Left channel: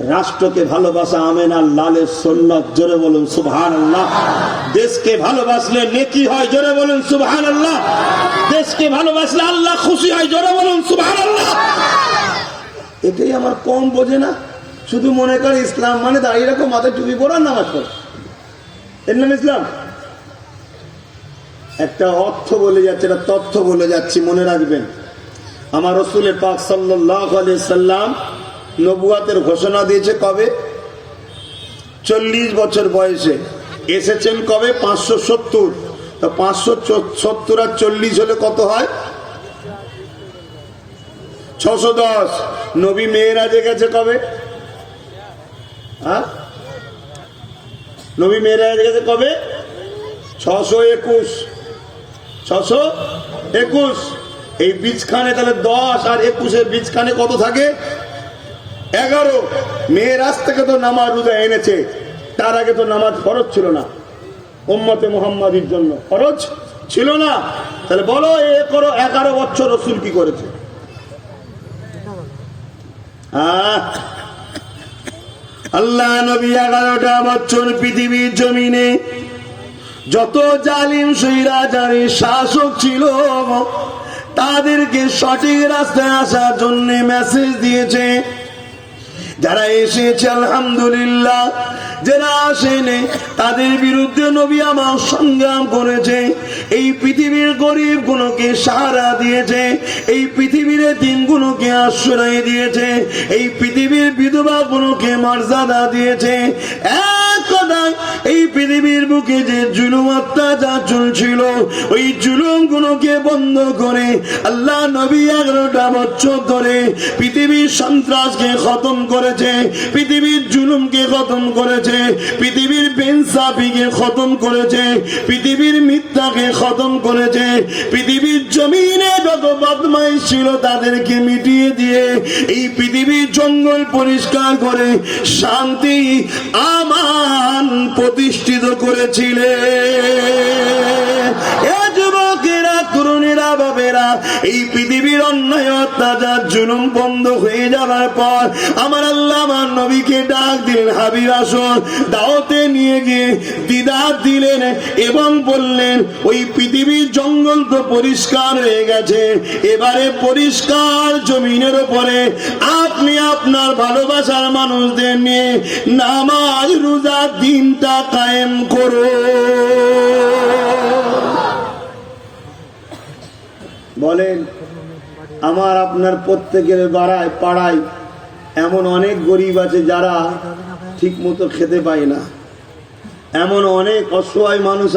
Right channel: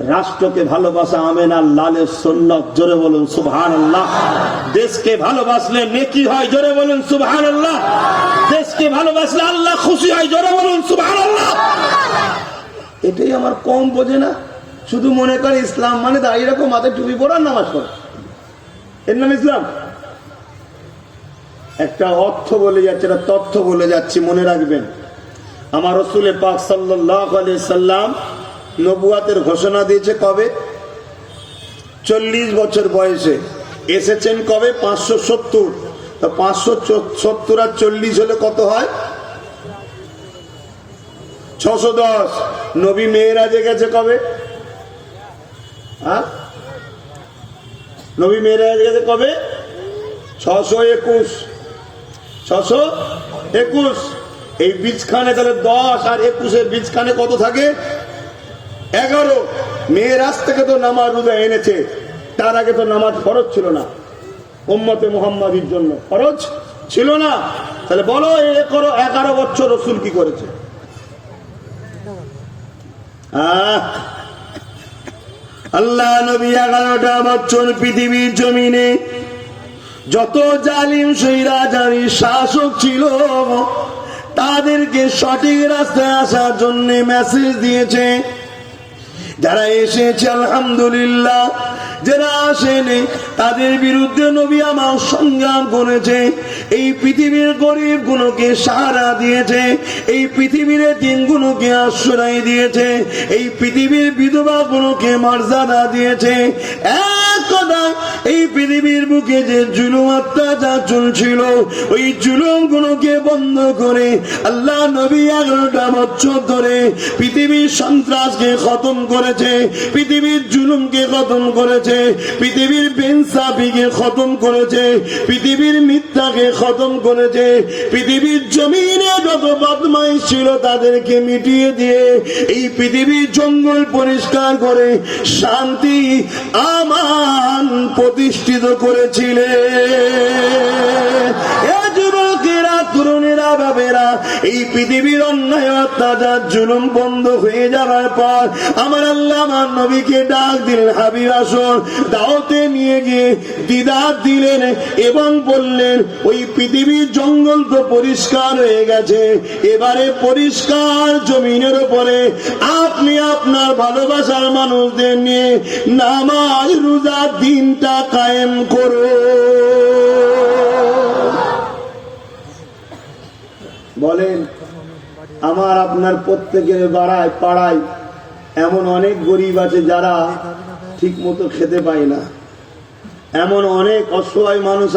রাষ্ট্রকে ভালোবাসা আমেনা লালের সুন্নাত, জোরে বলুন সুবহানাল্লাহ। দেশকে ভালোবাসলে নেকি হয়, জোরে বলুন সুবহানাল্লাহ। দেশকে ভালোবাসলে আল্লাহ খুশি হয়, জোরে বলুন সুবহানাল্লাহ। এটাই আমার কম বোঝে না, শুধু মনে করে ইসলাম মানে দাঁড়িয়ে রাখো, মাথায় টুপি পড়ো, নামাজ পড়ো, এর নাম ইসলাম। একটা অর্থ বলে যাচ্ছে, একটা তথ্য বলে যাচ্ছি, মনে রাখবেন। আমার রাসূল পাক সাল্লাল্লাহু আলাইহি সাল্লাম নবুয়াতের ঘোষণা দিয়েছে কবে? 40 বছর বয়সে। এসেছেন কবে? 570। তো 570 আর 40 হলে কত হয়? 610। নবী মেরাজে গেছে কবে? নবী মেরাজে গেছে কবে? 621। 621। এই বীজখানে তাহলে 10 আর 21 বীজখানে কত থাকে? 11। মেরাজ থেকে তো নামাজ রোজা এনেছে, তার আগে তো নামাজ ফরজ ছিল না, উম্মতে মুহাম্মাদির জন্য ফরজ ছিল না। তাহলে বলো 11 বছর রাসূল কি করেছে? আল্লাহ নবী 11টা বছর পৃথিবীর জমিনে যত জালিম স্বৈরাচারী শাসক ছিল তাদেরকে সঠিক রাস্তায় আসার জন্য মেসেজ দিয়েছে। যারা এসেছে আলহামদুলিল্লাহ, যারা আসেনি তাদের বিরুদ্ধে নবী আমার সংগ্রাম করেছে। এই পৃথিবীর গরিব গুলোকে সাহারা দিয়েছে, এই পৃথিবীর দিনগুলোকে আশ্রয় দিয়েছে, এই পৃথিবীর বিধবা গুলোকে মর্যাদা দিয়েছে। এক কথা, এই পৃথিবীর বুকে যে জুলুম অত্যাচার চলছিল ওই জুলুম গুলোকে বন্ধ করে আল্লাহ নবী 11টা বছর ধরে পৃথিবীর সন্ত্রাসকে খতম করেছে, পৃথিবীর জুলুমকে খতম করেছে, পৃথিবীর বেইনসাফিকে খতম করেছে, পৃথিবীর মিথ্যাকে খতম করেছে, পৃথিবীর জমিনে যত বদমাইশ ছিল তাদেরকে মিটিয়ে দিয়ে এই পৃথিবীর জঙ্গল পরিষ্কার করে শান্তি আমান প্রতিষ্ঠিত করেছিলেন। যুবকেরা, তরুণেরা, বাবেরা, এই পৃথিবীর অন্যায় অত্যাচার জুলুম বন্ধ হয়ে যাওয়ার পর আমার আল্লাহ আমার নবীকে ডাক দিলেন, হাবিব আসুন। দাওয়াতে নিয়ে গিয়ে দিদার দিলেন এবং বললেন ওই পৃথিবীর জঙ্গল তো পরিষ্কার হয়ে গেছে, এবারে পরিষ্কার জমিনের উপরে আপনি আপনার ভালোবাসার মানুষদের নিয়ে নামাজ রোজা দিনটা কায়েম করো। বলেন, আমার আপনার প্রত্যেকের পাড়ায় এমন অনেক গরিব আছে যারা ঠিক মতো খেতে পায় না, এমন অনেক অসহায় মানুষ